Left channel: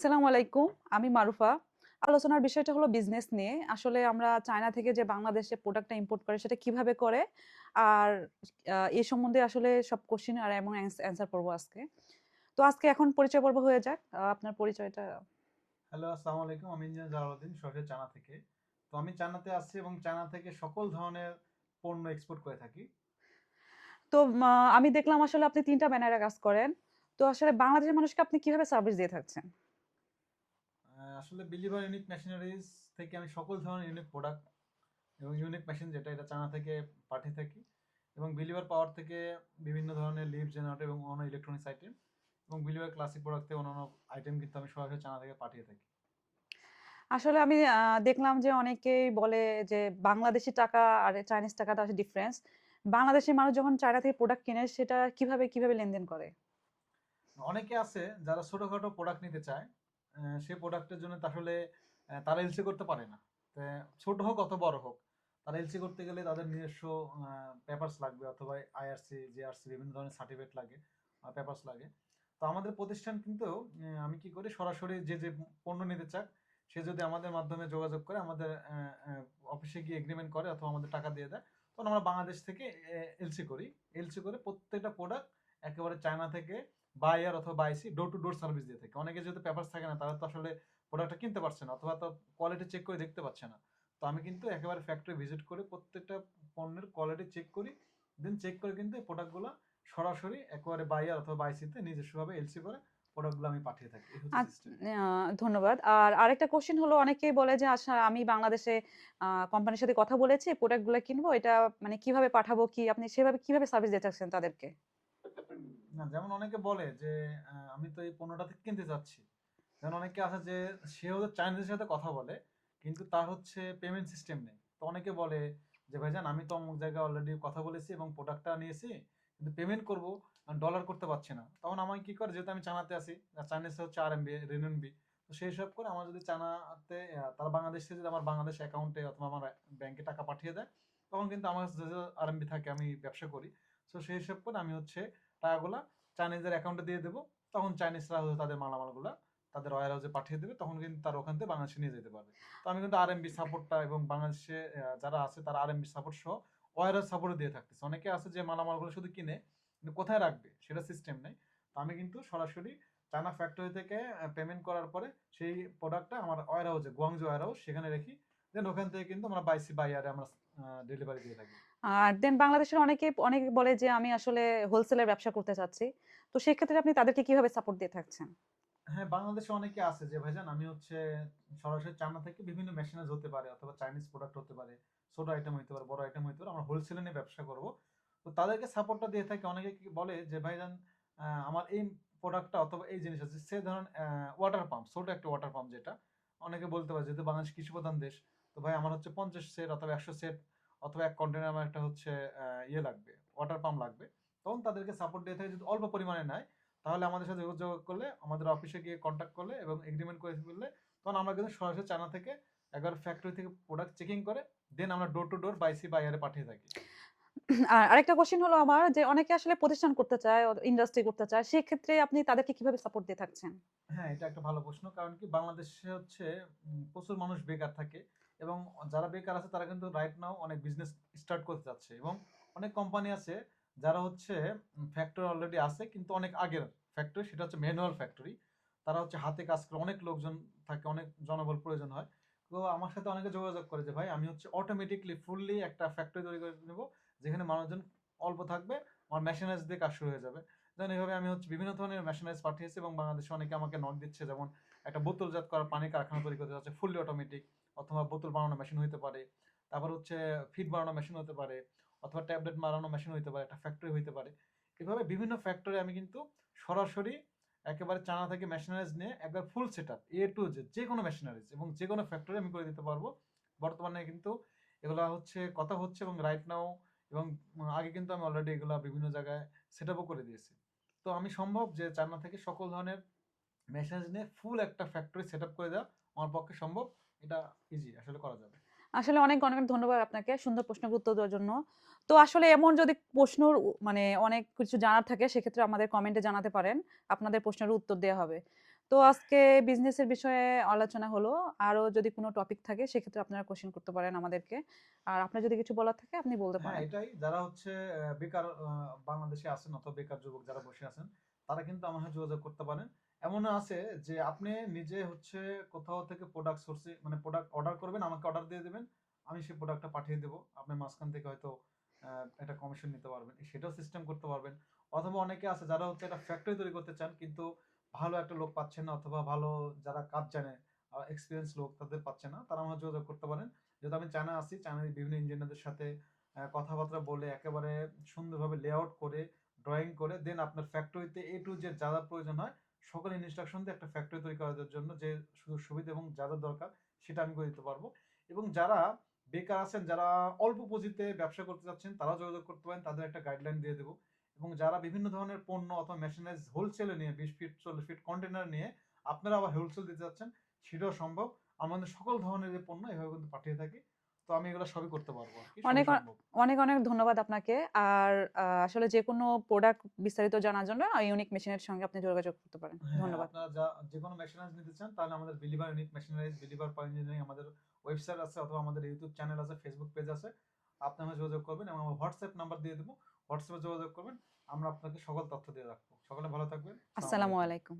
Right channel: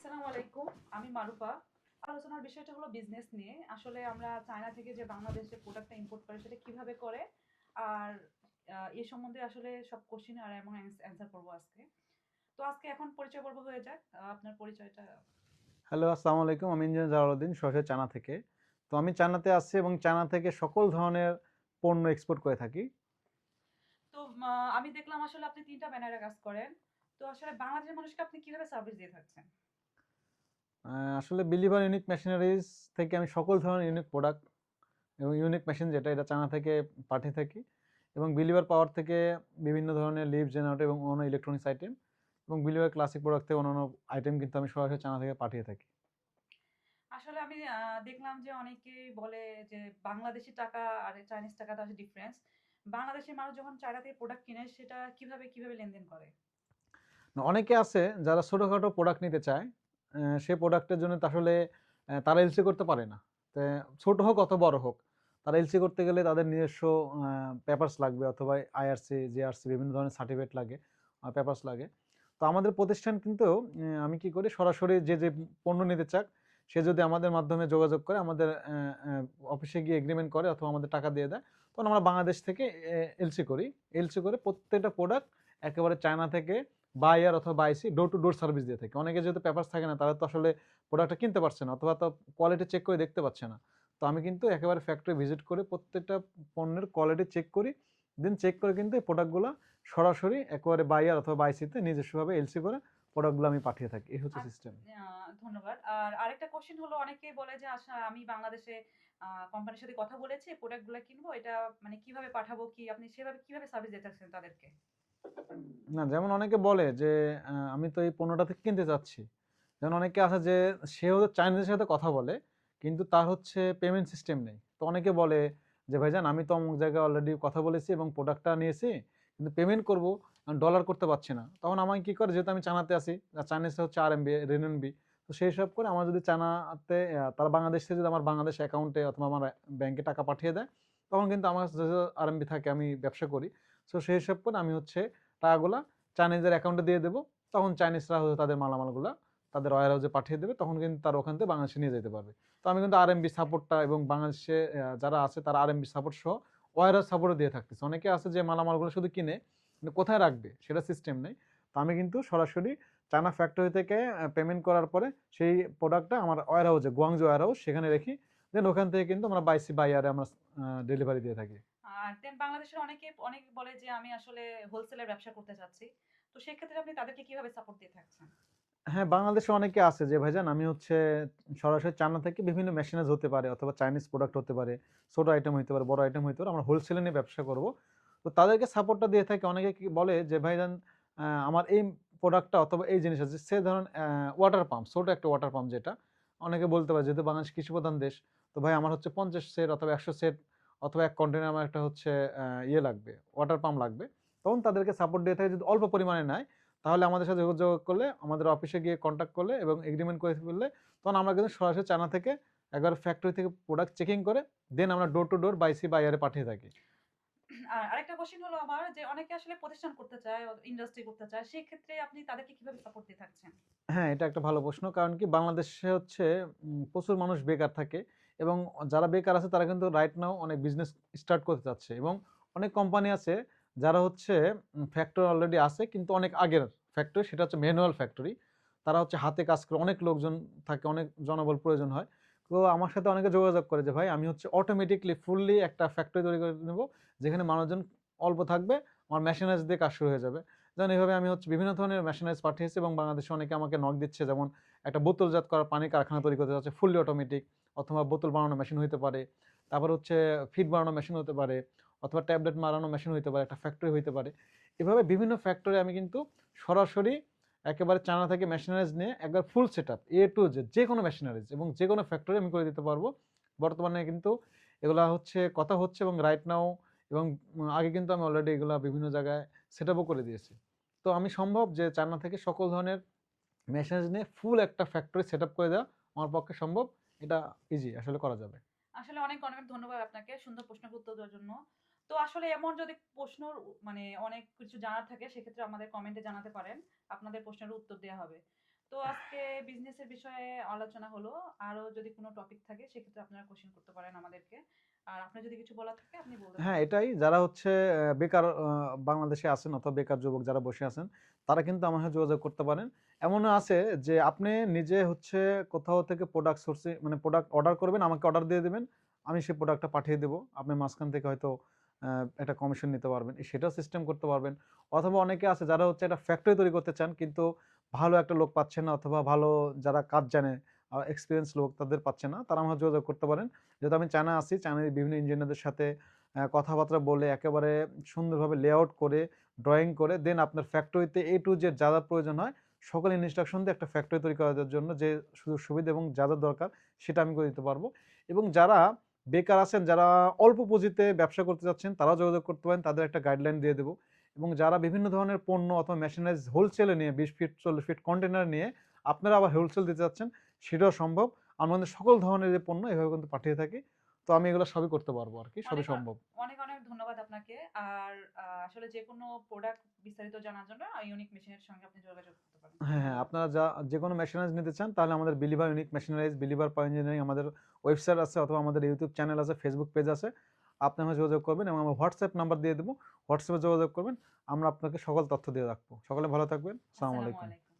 আসসালামু আলাইকুম। আমি মারুফা। আলোচনার বিষয়টা হলো বিজনেস নিয়ে। আসলে আমরা চায়না থেকে যে বাংলাদেশে প্রোডাক্টটা ইম্পোর্ট করে সেটা কিভাবে করে? আর এ সম্বন্ধে আসলে সব কোয়েশ্চেন আর এবং অ্যান্সার করব আজকে। তো আজকে এখন পরিচয় পর্ব হয়ে যাক। আপনার পরিচয়টা। হ্যালো, আসসালামু আলাইকুম। আমি ইঞ্জিনিয়ার জালালউদ্দিন, সরাসরি চায়না থেকে। তো আমি চায়নাতে আছি এবং চায়না থেকে সকল ধরনের পণ্য এক্সপোর্ট করে থাকি। তো আমি দেখলাম আসলে আপনি ৩ টা ব্যানারে কাজ করেন। তো আসলে বাংলাদেশের মানুষকে আপনি কিভাবে সার্ভিস দিয়ে থাকছেন? আসলে বিলিভার ইউনিক মেশিনারিজ থেকে আমি সকল ধরনের ইউনিক প্রোডাক্ট এবং ইউনিক মেশিন যেটা এটা চায়না থেকে পাঠিয়ে থাকি, এবং বিলিভার পাওয়ার থেকে বিভিন্ন ধরনের লিফট জেনারেটর এবং অন্য ইলেকট্রনিক্স আইটেম, এবং বিলিভার ক্লাসিক প্রোডাক্ট থেকে অন্যান্য আইটেম কিন্তু আমি সরাসরি চায়না থেকে পাঠিয়ে থাকি। আসলে আমি দেখলাম যে অনেকেই বলে যে বাংলাদেশী টাকা আর চাইনিজ টাকাটা আসলে ডিফারেন্স। বাংলাদেশের মানুষ যখন চায়না থেকে প্রোডাক্ট কিনে সেটা কিভাবে লেনদেন করে? অনেকে আছে যারা ছোটোখাটো প্রোডাক্ট নিতে চায়, সেই প্রোডাক্টের জন্য তো আসলে তারা এলসি করতে পারে না। তো ছোট হোক অত বড় হোক, তারা এলসি করতে গেলে তাদের নিজস্ব পেপারস লাগবে, অথবা আইআরসি জিআরসি বিভিন্ন ধরনের সার্টিফিকেট লাগে, পেপারস লাগে। তো আমাদের প্রতিষ্ঠান কিন্তু আমি কি করি, সরাসরি যে যে পণ্য নিতে চাক সে যদি আমাদের মাধ্যমে যোগাযোগ করে, আমাদের অফিসে গিয়ে এগ্রিমেন্ট করে অথবা আমাদের টাকা দিয়ে দেয়, তখন আমরা বাংলাদেশ থেকে এলসি করি। এলসি করে প্রত্যেকটা প্রোডাক্ট একেবারে চায়না থেকে বায়ার অথবা bye see door to door service দিয়ে থাকে। অনেকে যেহেতু পেপারস থাকে না, তারা তো আসলে প্রোডাক্টটা কিনতে পারছে না, অথবা তো কোয়ালিটি চেক করে দেখতে পাচ্ছে না। তো আমি কিন্তু একেবারে ফ্যাক্টরি ভিজিট করে প্রত্যেকটা পণ্যের কোয়ালিটি চেক করি। দেন চেক করে কিন্তু এই প্রোডাক্টগুলো সরাসরি একেবারে বায়ার অথবা বাইসিতে নিজস্বভাবে এলসি করে প্রোডাক্টগুলো আমি পাঠিয়ে থাকি। এই হচ্ছে আচ সিস্টেম। ধন্যবাদ। আর আরেকটা কোয়েশ্চেন হলো অনেকেই বলে যে আচ্ছা আমি বাংলাদেশে কোম্পানির সাথে কথা বলেছি, প্রোডাক্ট গুলা কিনবো। এটা মানে কিভাবে পাঠাবো কি আপনি সেভাবে কিভাবে সার্ভিস দিয়ে থাকছেন তাদেরকে? না, যেমন অনেকে বলে যে আমি তো এই পণ্যটা থেকে কিনতে চাচ্ছি। যেমন অনেকে আছে যে সেও চাইনিজের সাথে কথা বলে, কিন্তু তার হচ্ছে পেমেন্ট সিস্টেম নেই। তো অনেকে বলে যে ভাইজান, আমি তো অমুক জায়গায় অলরেডি কথা বলেছি এবং প্রোডাক্টটা নিয়েছি, কিন্তু পেমেন্ট করব ডলার করতে পারছি না। তখন আমাকে কি করে, যেহেতু আমি চায়নাতে আছি, আর চাইনিজে হচ্ছে আরএমবি রেনবি, তো সেই সব করে আমার যদি চায়নাতে তারা বাংলাদেশ থেকে যদি আমার বাংলাদেশ অ্যাকাউন্টে অথবা আমার ব্যাংকে টাকা পাঠিয়ে দেয়, তখন কিন্তু আমার কাছে যে আরএমবি থাকে, আমি ব্যবসা করি। তো সেই হিসাব করে আমি হচ্ছে টাকাগুলা চাইনিজের অ্যাকাউন্টে দিয়ে দেবো। তখন চাইনিজরা হচ্ছে তাদের মালামালগুলা তাদের ওয়্যার হাউসে পাঠিয়ে দেবে, তখন কিন্তু তারা ওখান থেকে বাংলাদেশে নিয়ে যেতে পারবে। তো আমি কিন্তু আরএমবি সাপোর্টটা এবং বাংলাদেশে যারা আছে তারা আরএমবি সাপোর্ট সহ ওয়্যার হাউস সাপোর্টও দিয়ে থাকতেছে। অনেকে আছে যে মালামালগুলো শুধু কিনে, কিন্তু কোথায় রাখবে সেটা সিস্টেম নেই। তো আমি কিন্তু সরাসরি চায়না ফ্যাক্টরি থেকে পেমেন্ট করার পরে সেই প্রোডাক্টটা আমার ওয়্যার হাউসে, গুয়াংজু ওয়্যার হাউস, সেখানে রেখি। দেন ওখান থেকে কিন্তু আমরা বাইসি বাইয়ারে আমরা ডেলিভারি দিয়ে থাকি। আর দেন বাংলাদেশের অনেকে বলে যে আমি আসলে হোলসেলের ব্যবসা করতে চাচ্ছি। তো সেক্ষেত্রে আপনি তাদেরকে কিভাবে সাপোর্ট দিয়ে থাকছেন? হ্যাঁ, বাংলাদেশে অনেকে আছে যে ভাইজান, আমি হচ্ছে সরাসরি চায়না থেকে বিভিন্ন মেশিনারিজ হতে পারে অথবা চাইনিজ প্রোডাক্ট হতে পারে, ছোট আইটেম হইতে পারে, বড় আইটেম হইতে পারে, আমরা হোলসেলে নিয়ে ব্যবসা করব। তো তাদেরকে সাপোর্টটা দিয়ে থাকে। অনেকে কি বলে যে ভাইজান, আমার এই প্রোডাক্টটা অথবা এই জিনিস আছে, সে ধরেন ওয়াটার পাম্প, ছোট একটা ওয়াটার পাম্প, যেটা অনেকে বলতে পারে যেহেতু বাংলাদেশ কৃষি প্রধান দেশ, তো ভাই আমার হচ্ছে 50 সেট অথবা 100 সেট অথবা এক কন্টেনার আমার একটা হচ্ছে ইয়ে লাগবে, ওয়াটার পাম্প লাগবে। তখন তাদেরকে সাপোর্ট দিয়ে থাকে। যদি অল্প পরিমাণে নেয়, তাহলে আমাদের সাথে যোগাযোগ করলে, আমাদের অফিসে গিয়ে কন্ট্যাক্ট করলে এবং এগ্রিমেন্ট করে ফেললে, তখন আমরা কিন্তু সরাসরি চায়না থেকে একবার ফ্যাক্টরি থেকে প্রোডাক্ট চেকিং করে দেন আমরা ডোর টু ডোর বাইসি বাইয়ারে পাঠিয়ে থাকি। আর আরেকটা কোয়েশ্চেন হলো আমার যে অনেকে আসলে প্রতিষ্ঠান করতে চায়, ইন্ডাস্ট্রি করতে চায়। সেক্ষেত্রে আপনি তাদেরকে কিভাবে সাপোর্ট দিয়ে থাকছেন? হ্যাঁ, এটা একটা ভালো প্রশ্ন। কারণ কি, বাংলাদেশে হচ্ছে প্রচুর মানুষ বেকার থাকে, এবং যারা বেকার আছে তারা কিন্তু রাইট নাও অনেক বিজনেস স্টার্ট করতে চাচ্ছে, এবং অনেক কোম্পানি আছে যারা হচ্ছে ফ্যাক্টরি অলরেডি আছে কিন্তু অনেক আগের ফ্যাক্টরি, সেটা হচ্ছে ম্যানুয়াল ফ্যাক্টরি। তারা হচ্ছে হাতে কাজ করে, অনেক লোকজন থাকে, অনেক জনবল প্রয়োজন হয়। তো আমার সাথে অনেকে যোগাযোগ করে যে ভাই, আমি হচ্ছে অটোমেটিকলি ফুললি একটা ফ্যাক্টরি তৈরি করে নেব, যেখানে মানুষজন অল্প থাকবে, আমার মেশিনারিজ দিয়ে কাজ শুরু হয়ে যাবে। যেমন এইভাবে আমি হচ্ছে বিভিন্ন ধরনের মেশিনারিজ পাঠিয়েছি, এবং বাংলাদেশে অনেকে আমাকে নক দিচ্ছে। যেমন একটা বোতলজাত করা পানির কারখানা তৈরি করতে যাচ্ছে, ফুললি অটোমেটিক, অথবা বোতল বানানো মেশিন হইতে পারে, তারপর হচ্ছে ফিড বানানো মেশিন হতে পারে, অথবা ট্যাবলেট মারানো মেশিন হইতে পারে, একটা ফ্যাক্টরি হইতে পারে। এভাবে বিভিন্ন ফ্যাক্টরি আমি কিন্তু সরাসরি একেবারে চায়না থেকে মেশিনারিজ নিয়ে একবার full set up A to Z, যে কোনো মেশিনারিজ এবং যে কোনো ফ্যাক্টরি আমি করে দিতে পারবো। বর্তমানে কিন্তু এগুলা হচ্ছে কথা হচ্ছে, এবং রাইট নাও, এবং আগে কিন্তু আমি অলরেডি এগুলা বিভিন্ন জায়গায় সেট আপও করে দিয়েছি। তো আমি সম্ভব যে চায়না থেকে সকল ধরনের মেশিনারিজ নিয়ে ফুল একটা ফ্যাক্টরি সেট আপ করে দেওয়া আমার পক্ষে সম্ভব। এটা ইজি আসলে করা যাবে। আসলে অনেক ধন্যবাদ আপনাকে সুন্দর প্রশ্নের উত্তর দেওয়ার জন্য। তো আসলে এমন যদি প্রশ্নর মানে অনেক কিছু জানার থাকে সেক্ষেত্রে আমাদের কমেন্টে জানাতে পারেন। আপনাদের প্রশ্নের উত্তর দেয়া হবে। তো আজকে বিজনেসের বিষয়ে আলোচনা হলো। আরো যদি কোনো টপিক থাকে সেক্ষেত্রে আপনারা কোশ্চেন করতে পারেন আমাদেরকে। আর আপনার যদি কিছু বলার থাকে আপনি বলতে হ্যাঁ, পারেন। এটাই যারা হচ্ছে বেকার বাংলাদেশে আছেন অথবা বেকার যুবক যারা বসে আছেন, তারা কিন্তু আমার সাথে যোগাযোগ করতে পারেন। এমনও আছে যে আপনি নিজে হচ্ছে কোথাও থেকে প্রোডাক্ট সোর্সিং মানে প্রোডাক্ট অর্ডার করবেন, আমাকে অর্ডার দিয়ে দিবেন। আমি সেই প্রোডাক্টটা পাঠিয়ে দেব। আপনি মাঝখান থেকে হয়তো একটা কমিশন নিতে পারবেন। সেটাও সিস্টেম করতে পারবেন। অথবা অনেকে আছে যারা হচ্ছে একটা ফ্যাক্টরি তৈরি করতে চান কিন্তু ভালো একটা লোক পাচ্ছেন না অথবা ভালো যারা কাজ জানে এক্সপেরিয়েন্স লোক তাদের পাচ্ছেন না। তারা আমার সাথে যোগাযোগ করতে পারেন। যেহেতু আমি চায়না আছি, চায়নার বিভিন্ন ইঞ্জিনিয়ারদের সাথে কথাবার্তা বলে একেবারে সুন্দরভাবে লেআউট করে, ড্রয়িং করে দেন আপনার ফ্যাক্টরিতে A to Z যা, যা প্রয়োজন হয় সকল ইনস্ট্রাকশন দিয়ে একটা ফ্যাক্টরি তৈরি করার জন্য যে সুযোগ সুবিধা এবং যা, যা দরকার সেটা আমি করে দিতে পারবো। এবং যারা বেকার আছেন, যারা অল্প পুঁজিতে ব্যবসা করতে চাচ্ছেন তারাও যোগাযোগ করতে পারেন। তাদের একটা গাইডলাইন দিয়ে দেব। এবং যারা বিভিন্ন ধরনের পণ্য অথবা মেশিনারিজ হোলসেলে নিয়ে 20 ফিট 40 ফিট কন্টেইনার নিয়ে আপনারা আবার হোলসেল দিতে চাচ্ছেন সেটাও সম্ভব। আমাদের সকল ধরনের যে পণ্য এভাবে কিন্তু পাঠিয়ে থাকি। তো আমি এগুলো সবই করতে পারবো আরকি। সবই অনেক সম্ভব। অনেক ধন্যবাদ আপনাকে। আর আসলে যেকোনো প্রোডাক্ট বিস্তারিত জানার জন্য ইউনিক মেশিনের সঙ্গে আপনি যোগাযোগ করতে পারেন। হ্যাঁ, হ্যাঁ, ধন্যবাদ। আপনারা যেকোনো মেশিনারিজ নিতে চান তাহলে আমাদের বিলিভার ইউনিক মেশিনারিজ, বিলিভার পাওয়ার ইঞ্জিনিয়ারিং আমাদের ওয়েবসাইট আছে অথবা আমাদের ইউটিউব চ্যানেল আছে, ফেসবুক পেজ আছে। আপনি আমার যোগাযোগ করবেন এবং আমার হোয়াটসঅ্যাপ নাম্বার দিয়ে দেবো। হোয়াটসঅ্যাপে যোগাযোগ করবেন। আমরা আপনাকে সকল তথ্য দিয়ে রাখবো। সকলে ভালো থাকবেন। আসসালামু আসসালামু আলাইকুম। আলাইকুম।